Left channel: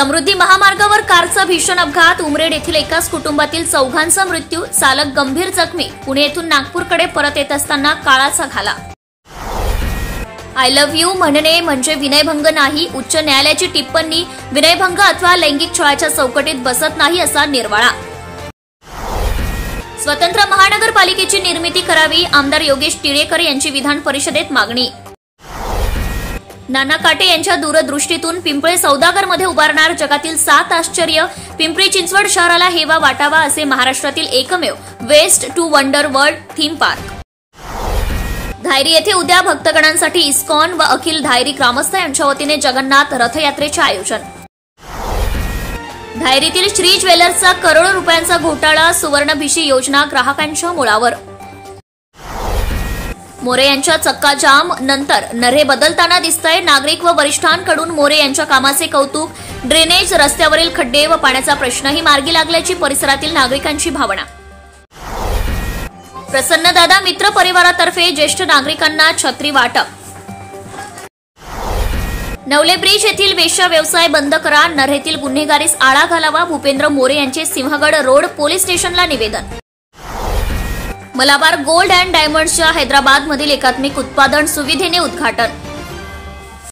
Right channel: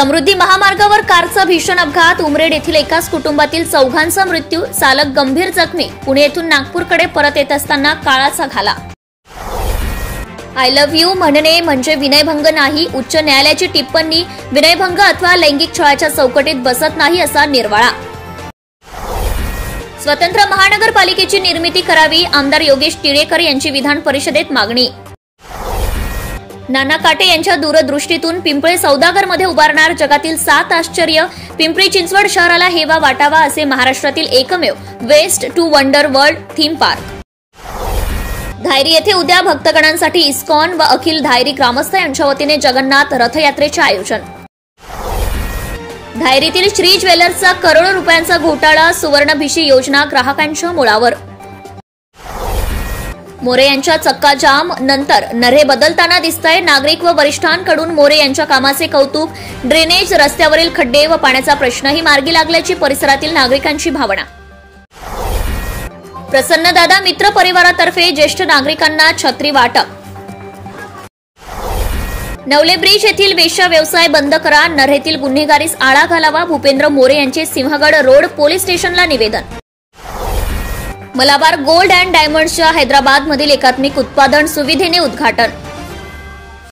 समृद्धी महामार्गावर कारचा भीषण अपघात, उमरेड येथील एकाच कुटुंबातील चौघांचा मृत्यू, चालक गंभीर जखमी. पुणे येथून नागपूरकडे परत येत असताना काळाचा घाला. आय लव्ह यू म्हणणे म्हणजे विनयभंग नाही. उच्च न्यायालयाची टिप्पणी विनयभंग अथवा लैंगिक छळाच्या चौकटीत बसत नाही असा निर्वाळा. स्वतंत्र महानगरपालिकेची निर्मिती करावी, आमदार योगेश टिळेकर यांची विधान परिषदेत मागणी. नाना काटे यांच्या दूरदृष्टीतून पिंपळे सौदागरमध्ये उभारणार जगातील 7 आश्चर्य. पिंपरी चिंचवड शहराला हेवा वाटावा असे महाराष्ट्रातील एकमेव waste to wonder world theme park. Dhayari येथे उद्या भक्तगणांसाठी इस्कॉन व अखिल धायरी ग्रामस्थ यांच्या वतीने जगन्नाथ रथयात्रेचे आयोजन. धायरीतील श्री ज्वेलर्सचा करोडो रुपयांचा घोटाळा, सुवर्णभिषी योजना ग्राहकांच्या मुळावर. मोरे यांच्या चक्का जाम नंतर नऱ्हे बदलताना दिसतंय. नागरिक व वरिष्ठांकडून मोरे यांच्या कामाचे कौतुक. ड्रेनेज, रस्त्यावरील खड्डे व पाण्याचा प्रश्नही मार्गी लागल्याची परिसरातील नागरिकांची भावना. प्रसन्नदादा मित्र परिवारातर्फे ज्येष्ठ नागरिकांना छत्री वाटप. नवले ब्रिज येथील वेश्या व्यवसाय बंद करा, नऱ्हेतील गुन्हेगारीस आळा घालावा. भूपेंद्र मोरे यांचे सिंहगड रोड पोलीस स्टेशनला निवेदन. मलाबार गोल्ड अँड डायमंड्सच्या हैदराबादमधील एकात्मिक उत्पादन सुविधेने उद्घाटन.